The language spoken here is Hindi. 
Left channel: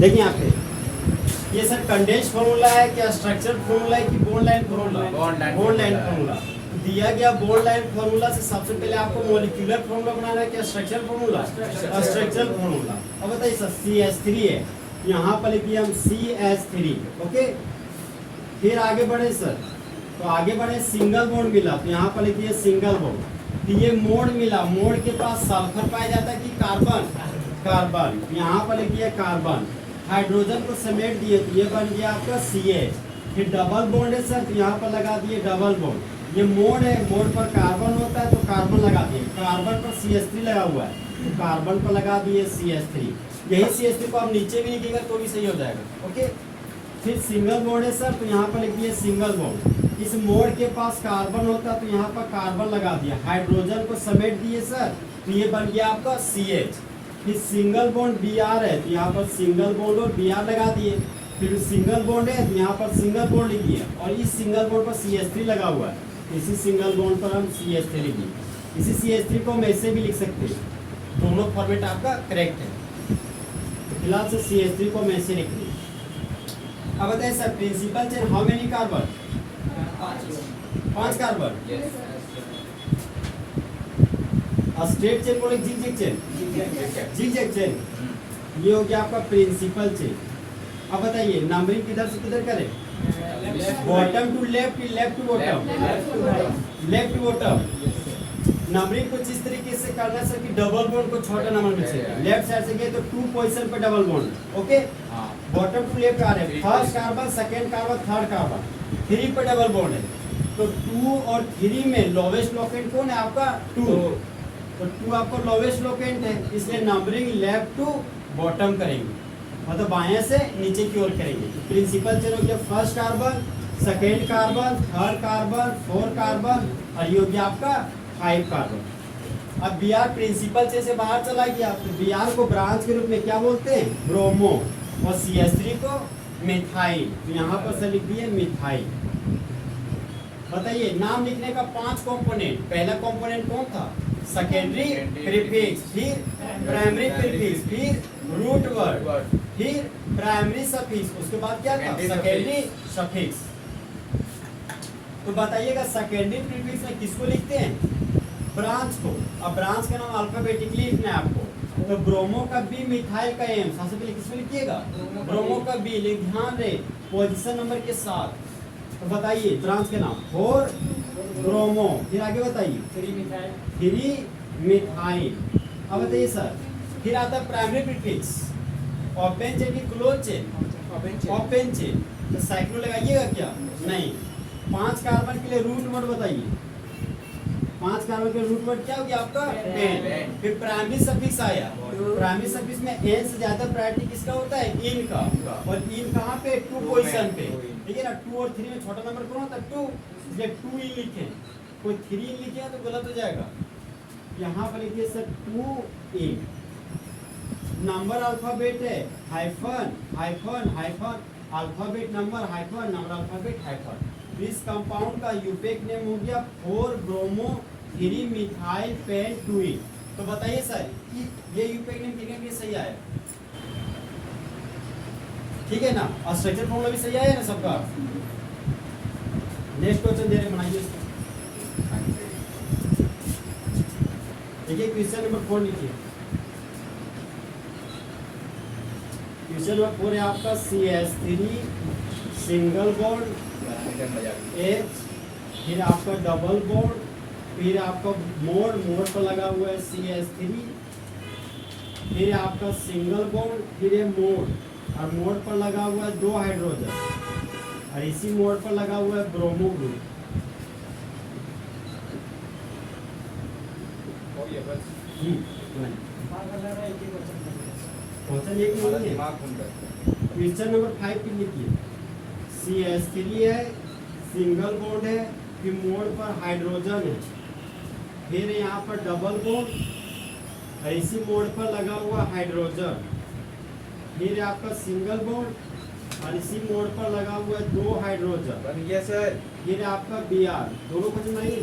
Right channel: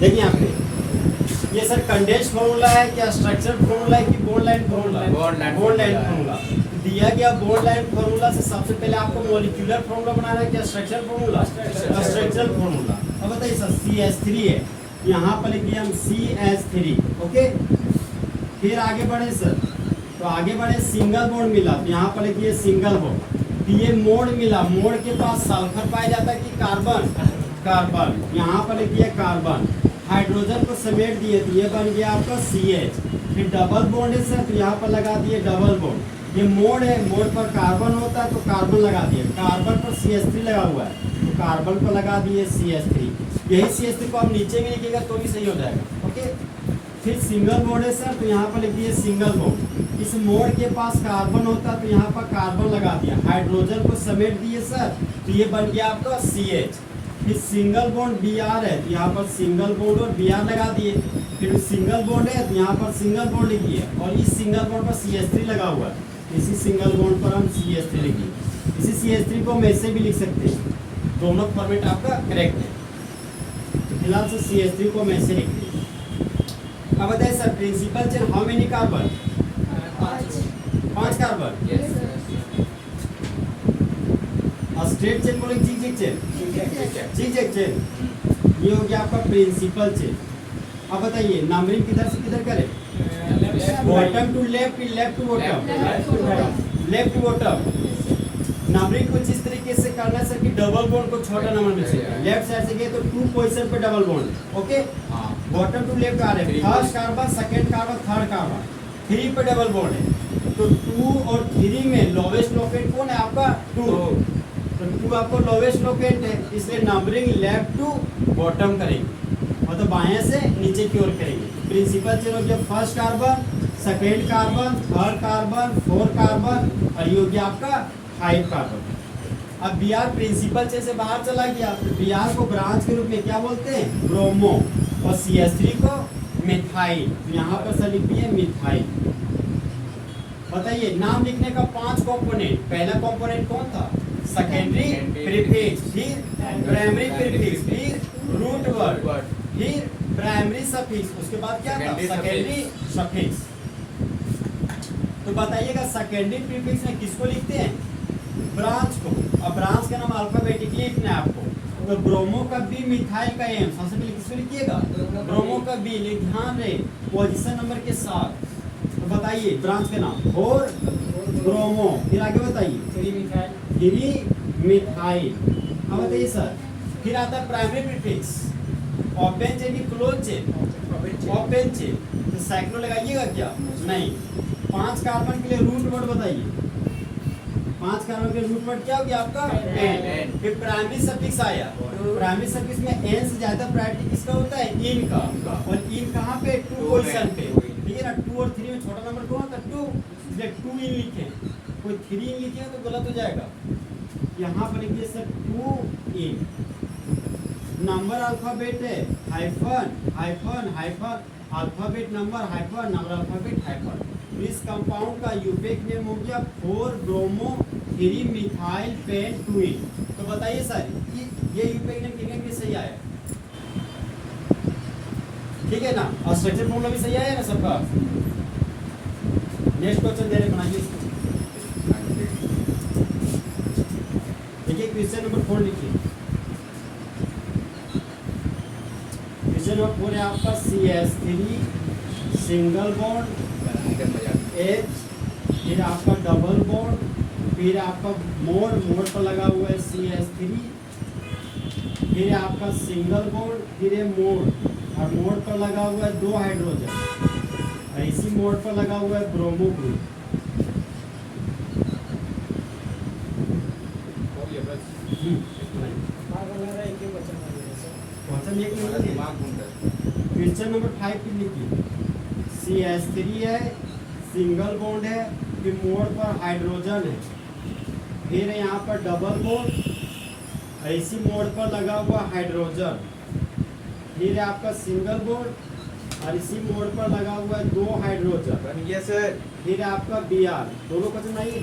देखिए यहाँ पे ये सर कंडेंस फॉर्मूला है क्या, स्ट्रक्चर फॉर्मूला है कि bond line formula? Bond line formula. दिया गया बॉन्ड लाइन फॉर्मूला से सबसे पहले आपको मॉलिक्यूलर फॉर्मूला बनाना है क्या, स्ट्रक्चर फॉर्मूला? Structure formula. अब बताइए सर CH3 है, यहाँ पर लिखिए हम CH3, ओके। फिर आगे बढ़े सर, तो आगे बढ़े सिंगल बॉन्ड मिला तो यहाँ पर लिखिए सिंगल बॉन्ड। ये मोड मिला, मोड के पास सल्फर पाया जाता है कि कार्बन? कार्बन। यहाँ पर लिखिए कार्बन। हाइड्रोजन को समेट दिए तो ये बन गया आपका CH। फिर डबल बॉन्ड है सर, तो यहाँ पर लगा दिए डबल बॉन्ड। ये मोड है, मोड पर कार्बन होता है तो कार्बन लगा दिए, कार्बन पर CH3 लगा हुआ है तो कार्बन पर लगा दिए CH3। यही CH3 को आप नीचे भी लिखिएगा तो भी सही हो जाएगा, ओके। फिर सिंगल बॉन्ड है सर, तो यहाँ पर लिख दिए सिंगल बॉन्ड। इस मोड के पास कार्बन होता है तो यहाँ पर कार्बन लगा दिया, हाइड्रोजन को समेट दिए सर, तो ये बन गया आपका CH। फिर सिंगल बॉन्ड Br है तो यहाँ पर सिंगल बॉन्ड और Br लगा दिए। फिर सिंगल बॉन्ड है तो यहाँ पर सिंगल बॉन्ड लिख दिए, और इस सिंगल बॉन्ड पर CH3 लगा हुआ है, इसी सिंगल बॉन्ड पर हम CH3 लिख दिए। इसी CH3 को हम ऐसे भी लिख सकते हैं, दोनों फॉर्मेट आपका करेक्ट है। तो फिलहाल से CH3 को हम ऐसे लिख दिए। अब बताइए sir principal chain how many carbon? 5 carbon. Straight chain बोले जिगजैग चेन? Zigzag chain. ये हो गया आपका प्रिंसिपल चेन। अब बताइए नंबरिंग किधर से किधर करें? Bottom to left, left to bottom? Left to bottom. Numbering कुछ इस तरीके से करना सर कि डबल बॉन्ड को छोटा नंबर में से लेफ्ट साइड से गए तो 2 पोजीशन पे double bond, okay. Bottom to left आ रहे हैं, first carbon, second carbon, third carbon, 3 पे डबल बॉन्ड है तो 2 और 3 में लोवेस्ट लोकेट कौन है आपका? 2। तो 2 आपको लोवेस्ट लोकेट है, इसलिए नंबरिंग लेफ्ट टू बॉटम करेंगे, मतलब बाएं से नीचे की ओर करेंगे। प्रिंसिपल चेन जो first carbon, second carbon, third carbon, fourth carbon, और ये हो गया आपका 5 कार्बन। अब Br प्रिंसिपल चेन से बाहर चला गया तो Br को ब्रांच के रूप में क्या बोलते हैं? ब्रोमो। और CH3 को मिथाइल, यहाँ पर सर लिख दिए मिथाइल। बताइए नाम लिखने का 5 कंपोनेंट। पहला कंपोनेंट कौन था? सेकेंडरी प्रीफिक्स, फिर प्राइमरी प्रीफिक्स, फिर रूट वर्ड, फिर प्राइमरी सफिक्स, उसके बाद क्या था? Secondary suffix. तो बताइएगा सेकेंडरी प्रीफिक्स में किसको लिखते हैं? ब्रांच को। अब ब्रांच का नाम अल्फाबेटिकली लिखना है आपको, तो ब्रोमो का B, मिथाइल का M, सबसे पहले किसको लिखिएगा? ब्रोमो का B। ध्यान रहे पोजीशन नंबर के साथ। तो बताइए ब्रांच का नाम, और ब्रोमो, फिर आगे बताइए 3 मिथाइल। अब बताइए सर फिर आता है प्राइमरी प्रीफिक्स, ओपन चेन की क्लोज चेन? Open chain. तो साइक्लो लगाइएगा क्या? नहीं। 5 कार्बन के लिए रूट वर्ड बताइए। 5 कार्बन के रूट वर्ड क्या हो गया आपका? N। फिर प्राइमरी सफिक्स आया, प्राइमरी सफिक्स में N से ज्यादा प्रायोरिटी किसका होता है? इन का। और इन कहाँ पे? 2 पोजीशन पे, ठीक है ना। 2 और 3 में छोटा नंबर कौन होता है? 2, इसलिए 2 इन लिखे। कोई 3 इन लिखे तो गलत हो जाएगा। यहाँ पर लिखिए सर 2 इन। नंबर अल्फाबेट है, hyphen hyphen hyphen, alphabet number, hyphen number, alphabet hyphen. इस कंपाउंड का यूपेक नेम हो गया 4 ब्रोमो 3 मिथाइल पेन 2 इन। तो बताइए सर ये यूपेक नेम कितने के सही आया? ठीक है ना, और स्ट्रक्चर फॉर्मूला भी सही आया ना सबका? नेक्स्ट क्वेश्चन दे रहे, बनाइए इसको। देखिए क्वेश्चन नंबर 4 लिखिए। क्वेश्चन नंबर 4 है आपका CH3 सिंगल बॉन्ड H, फिर आपका डबल बॉन्ड, फिर आपका मोड, मोड पर लगा हुआ है CH3, फिर आपका सिंगल बॉन्ड, फिर ये मोड, और मोड पर लगा हुआ है 2 हाइड्रोजन, और इसी मोड पर लगा हुआ है ब्रोमो ग्रुप। क्वेश्चन नंबर 5 की लिखिए। CH3 है, सिंगल बॉन्ड है, फिर मोड पर हाइड्रोजन है, फिर यहाँ पर डबल बॉन्ड, इसी मोड पर लगा हुआ हाइड्रोजन, फिर आपका सिंगल बॉन्ड, और इसी मोड पर लगा हुआ है 2 हाइड्रोजन। बन गया सर। फिर आपका Br, दोनों क्वेश्चन आइए।